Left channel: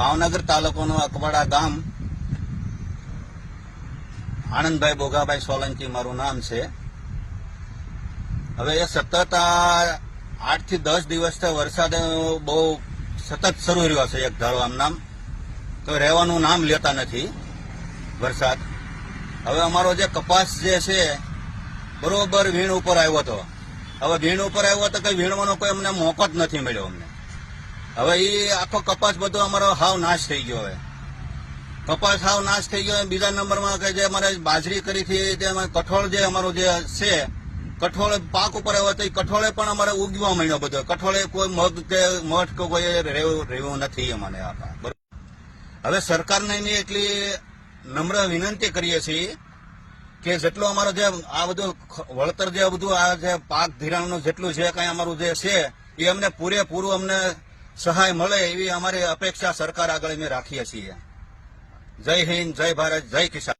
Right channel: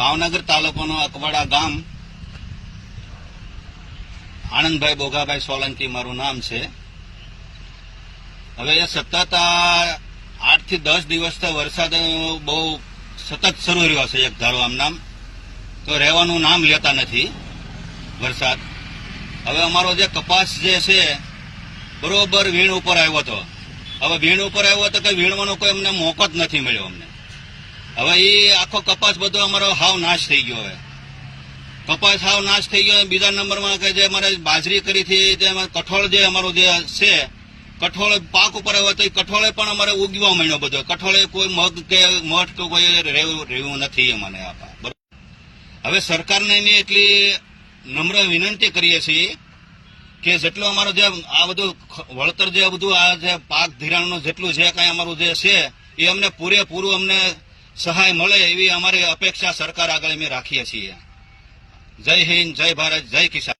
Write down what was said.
ભાવનગર તાલુકાનું અકવાડા ગામ, આનંદભાઈ બોગાભાઈ સોલંકી મારું નામ છે. હવે એ સતત 8 થી 10 દિવસથી વરસાદ બહુ સતત શરૂ રહ્યો છે. એક ધારો આમ નામ તો રહેવાનું નામ લેતા નથી વરસાદ. હવે અમારો જે કપાસ જે છે બરોબર વીણ ઉપર આવ્યો હતો. હવે વીણ ઉપર આવ્યો તો કે વીણવાનો કોઈ અમને મોકો જ નથી મળ્યો અમને. હવે એ આખો કપાસ બધો અમારો હાવ નાશ થઈ ગયો. હવે કપાસ હાવ નાશ થઈ ગયો. બીજા નંબરમાં કે જે અમારે બાજરી કરી હતી, જે કઠોળ જે અમારું જે છે, કઠોળ પાક ઉપર આવ્યો તો એ કઠોળે પણ અમારે ઉગવા માંડ્યો બધો. કઠોળે કોઈ મગ કે મઠ કે કોઈ રહ્યું નથી અમને. હવે સરકારને એની એટલી નમ્ર વિનંતી કરીએ છીએ કે જેટલો અમારો જે આ બધું વળતર જે બધું આ જે પાક ધિરાણનું જેટલું જે કાંઈ અમારું જે છે એ અમને પૂરેપૂરું અમને સહાય મળે એવી અમારી અપેક્ષા સરકાર આગળ અમે રાખીએ છીએ. જય હિન્દ, જય ભારત, જય કિસાન.